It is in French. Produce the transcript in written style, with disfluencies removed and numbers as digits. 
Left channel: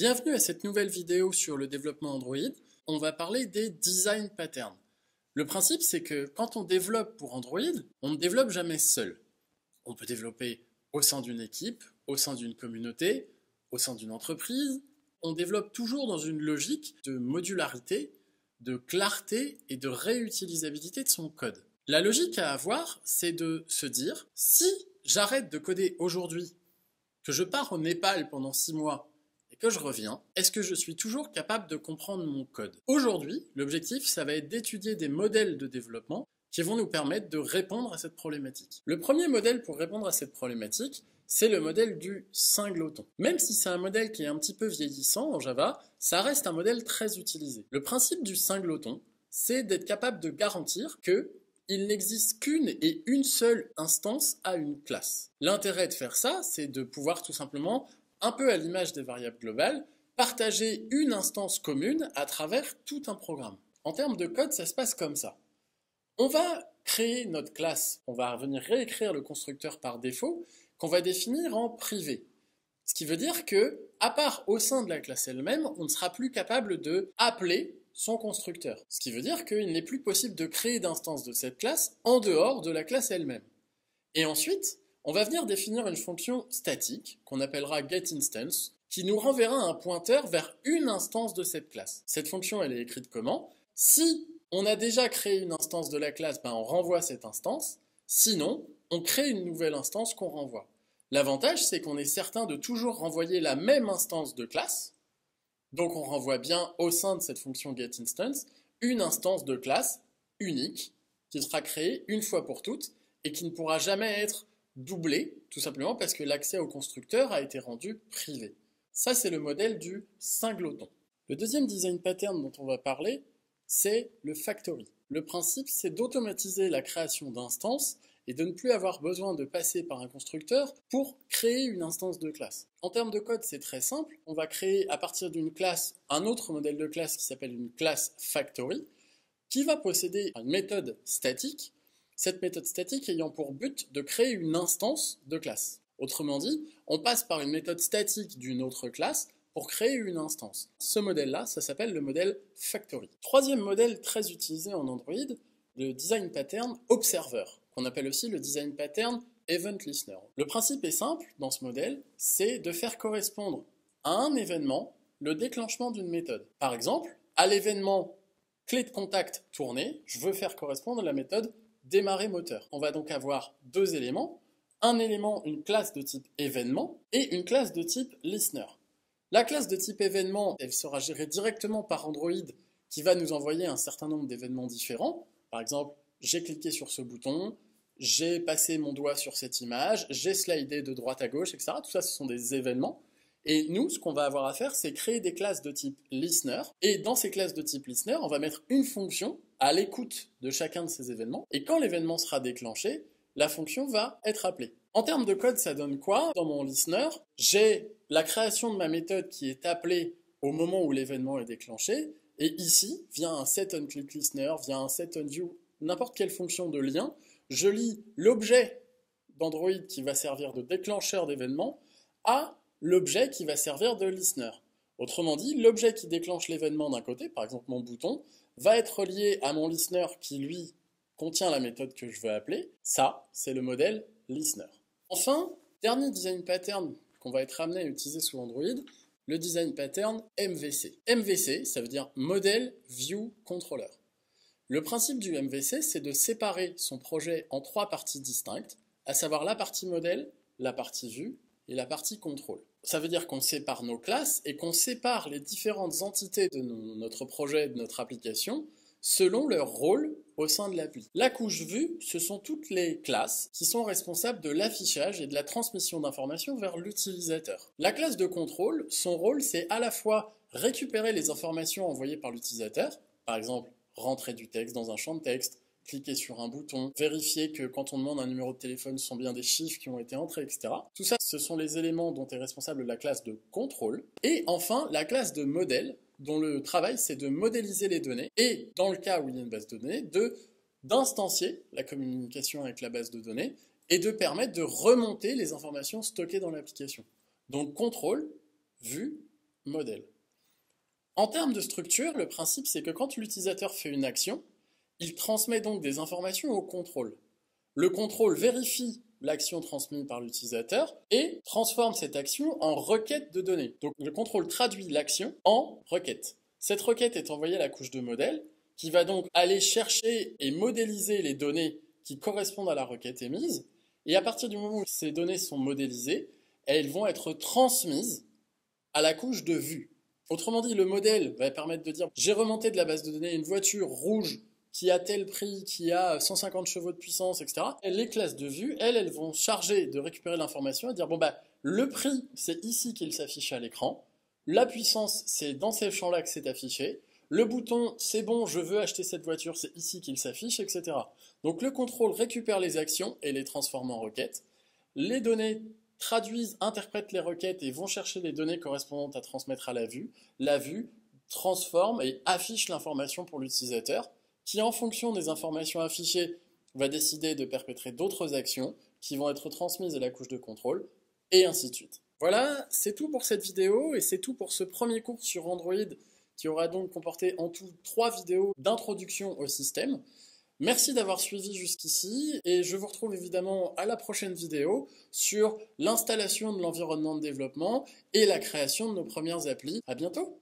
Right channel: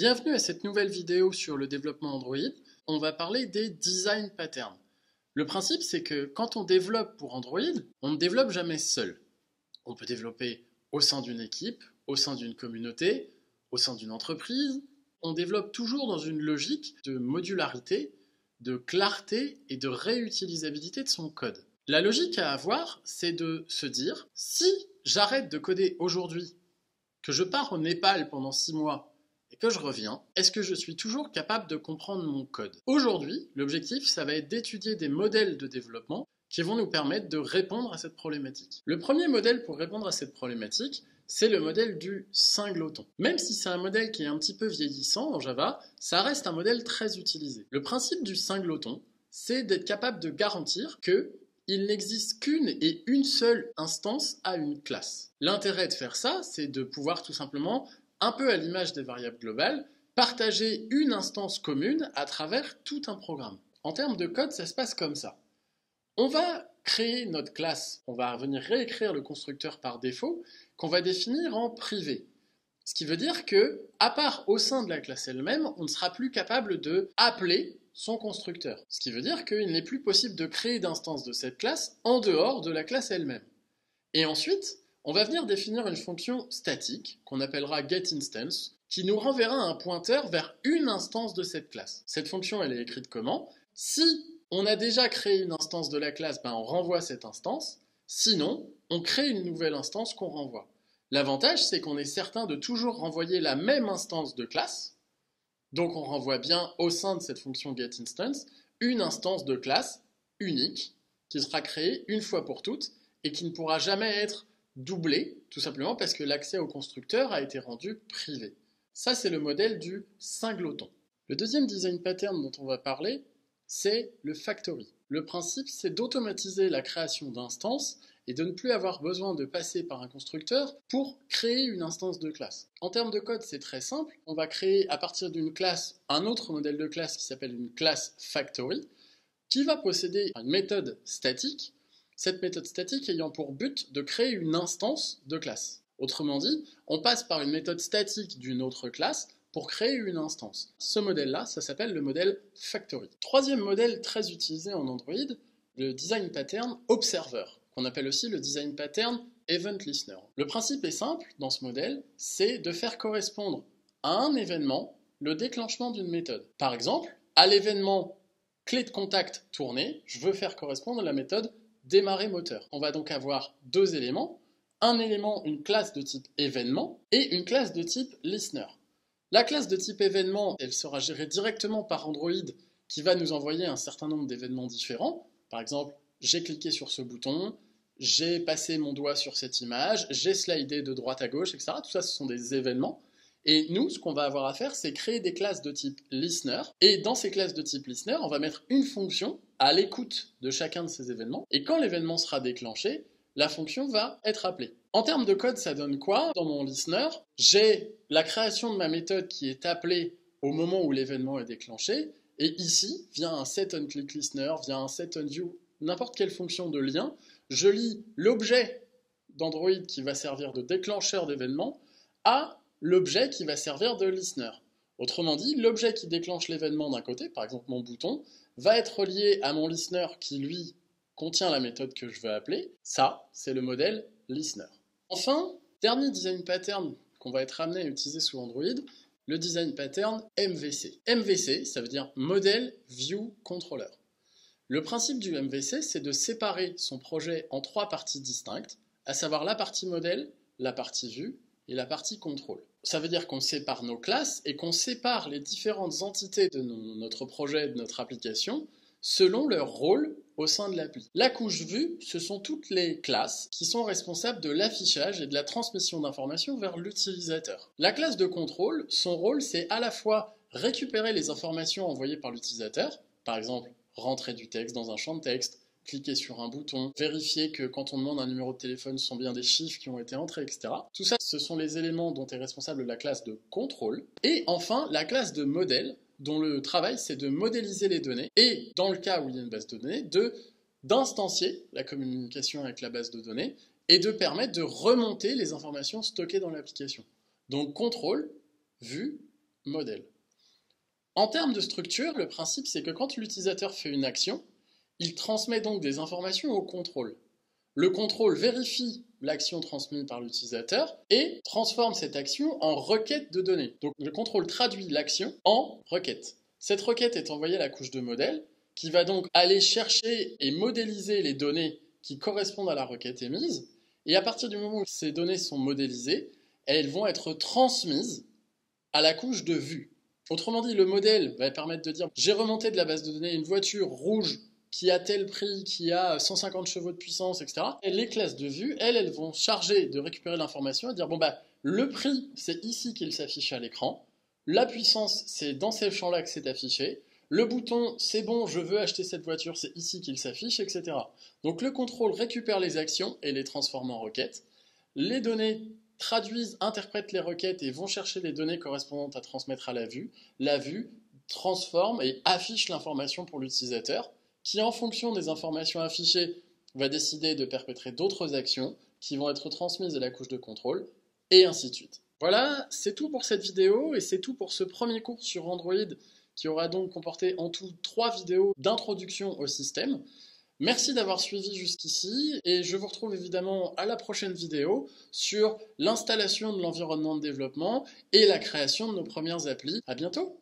Bienvenue à cette nouvelle vidéo sur le développement Android. On va parler des design patterns. Le principe, c'est que quand on développe pour Android, on ne développe jamais seul. On peut développer au sein d'une équipe, au sein d'une communauté, au sein d'une entreprise. On développe toujours dans une logique de modularité, de clarté et de réutilisabilité de son code. La logique à avoir, c'est de se dire, si j'arrête de coder aujourd'hui, que je pars au Népal pendant 6 mois, et que je reviens, est-ce que je suis toujours capable de comprendre mon code? Aujourd'hui, l'objectif, ça va être d'étudier des modèles de développement qui vont nous permettre de répondre à cette problématique. Le premier modèle pour répondre à cette problématique, c'est le modèle du singleton. Même si c'est un modèle qui est un petit peu vieillissant en Java, ça reste un modèle très utilisé. Le principe du singleton, c'est d'être capable de garantir qu'il n'existe qu'une et une seule instance à une classe. L'intérêt de faire ça, c'est de pouvoir tout simplement, un peu à l'image des variables globales, partager une instance commune à travers tout un programme. En termes de code, ça se passe comme ça. On va créer notre classe, on va venir réécrire le constructeur par défaut, qu'on va définir en privé. Ce qui veut dire que, à part au sein de la classe elle-même, on ne sera plus capable de appeler son constructeur. Ce qui veut dire qu'il n'est plus possible de créer d'instance de cette classe en dehors de la classe elle-même. Et ensuite, on va venir définir une fonction statique, qu'on appellera getInstance, qui nous renverra un pointeur vers une instance de cette classe. Cette fonction, elle est écrite comment? Si on a déjà créé une instance de la classe, on renvoie cette instance. Sinon, on crée une nouvelle instance qu'on renvoie. L'avantage, c'est qu'on est certain de toujours renvoyer la même instance de classe. Donc on renvoie bien au sein de cette fonction getInstance une instance de classe unique qui sera créée une fois pour toutes et qui ne pourra jamais être doublée, tout simplement parce que l'accès au constructeur a été rendu privé. Ça, c'est le modèle du singleton. Le deuxième design pattern dont on va parler, c'est le factory. Le principe, c'est d'automatiser la création d'instances et de ne plus avoir besoin de passer par un constructeur pour créer une instance de classe. En termes de code, c'est très simple. On va créer à partir d'une classe un autre modèle de classe qui s'appelle une classe factory, qui va posséder une méthode statique, cette méthode statique ayant pour but de créer une instance de classe. Autrement dit, on passe par une méthode statique d'une autre classe pour créer une instance. Ce modèle-là, ça s'appelle le modèle factory. Troisième modèle très utilisé en Android, le design pattern observer, qu'on appelle aussi le design pattern event listener. Le principe est simple dans ce modèle, c'est de faire correspondre à un événement le déclenchement d'une méthode. Par exemple, à l'événement clé de contact tournée, je veux faire correspondre la méthode démarrer moteur. On va donc avoir deux éléments, un élément, une classe de type événement et une classe de type listener. La classe de type événement, elle sera gérée directement par Android qui va nous envoyer un certain nombre d'événements différents. Par exemple, j'ai cliqué sur ce bouton, j'ai passé mon doigt sur cette image, j'ai slidé de droite à gauche, etc. Tout ça, ce sont des événements. Et nous, ce qu'on va avoir à faire, c'est créer des classes de type listener. Et dans ces classes de type listener, on va mettre une fonction à l'écoute de chacun de ces événements. Et quand l'événement sera déclenché, la fonction va être appelée. En termes de code, ça donne quoi? Dans mon listener, j'ai la création de ma méthode qui est appelée au moment où l'événement est déclenché. Et ici, via un setOnClickListener, via un setOnView, n'importe quelle fonction de lien, je lie l'objet d'Android qui va servir de déclencheur d'événement à l'objet qui va servir de listener. Autrement dit, l'objet qui déclenche l'événement d'un côté, par exemple mon bouton, va être relié à mon listener qui, lui, contient la méthode que je veux appeler. Ça, c'est le modèle listener. Enfin, dernier design pattern qu'on va être amené à utiliser sous Android, le design pattern MVC. MVC, ça veut dire Model View Controller. Le principe du MVC, c'est de séparer son projet en 3 parties distinctes, à savoir la partie modèle, la partie vue et la partie contrôle. Ça veut dire qu'on sépare nos classes et qu'on sépare les différentes entités de notre projet, de notre application, selon leur rôle au sein de l'appli. La couche vue, ce sont toutes les classes qui sont responsables de l'affichage et de la transmission d'informations vers l'utilisateur. La classe de contrôle, son rôle, c'est à la fois récupérer les informations envoyées par l'utilisateur, par exemple, rentrer du texte dans un champ de texte, cliquer sur un bouton, vérifier que quand on demande un numéro de téléphone, ce sont bien des chiffres qui ont été entrés, etc. Tout ça, ce sont les éléments dont est responsable la classe de contrôle. Et enfin, la classe de modèle, dont le travail, c'est de modéliser les données, et dans le cas où il y a une base de données, d'instancier la communication avec la base de données, et de permettre de remonter les informations stockées dans l'application. Donc contrôle, vue, modèle. En termes de structure, le principe c'est que quand l'utilisateur fait une action, il transmet donc des informations au contrôle. Le contrôle vérifie l'action transmise par l'utilisateur et transforme cette action en requête de données. Donc le contrôle traduit l'action en requête. Cette requête est envoyée à la couche de modèle qui va donc aller chercher et modéliser les données qui correspondent à la requête émise. Et à partir du moment où ces données sont modélisées, elles vont être transmises à la couche de vue. Autrement dit, le modèle va permettre de dire j'ai remonté de la base de données une voiture rouge qui a tel prix, qui a 150 chevaux de puissance, etc. Et les classes de vue, elles vont charger de récupérer l'information et dire bon bah le prix c'est ici qu'il s'affiche à l'écran, la puissance c'est dans ces champs-là que c'est affiché, le bouton c'est bon je veux acheter cette voiture, c'est ici qu'il s'affiche, etc. Donc le contrôle récupère les actions et les transforme en requêtes. Les données traduisent, interprètent les requêtes et vont chercher les données correspondantes à transmettre à la vue. La vue transforme et affiche l'information pour l'utilisateur, qui en fonction des informations affichées va décider de perpétrer d'autres actions qui vont être transmises à la couche de contrôle, et ainsi de suite. Voilà, c'est tout pour cette vidéo et c'est tout pour ce premier cours sur Android qui aura donc comporté en tout 3 vidéos d'introduction au système. Merci d'avoir suivi jusqu'ici et je vous retrouve évidemment à la prochaine vidéo sur l'installation de l'environnement de développement et la création de nos premières applis. À bientôt!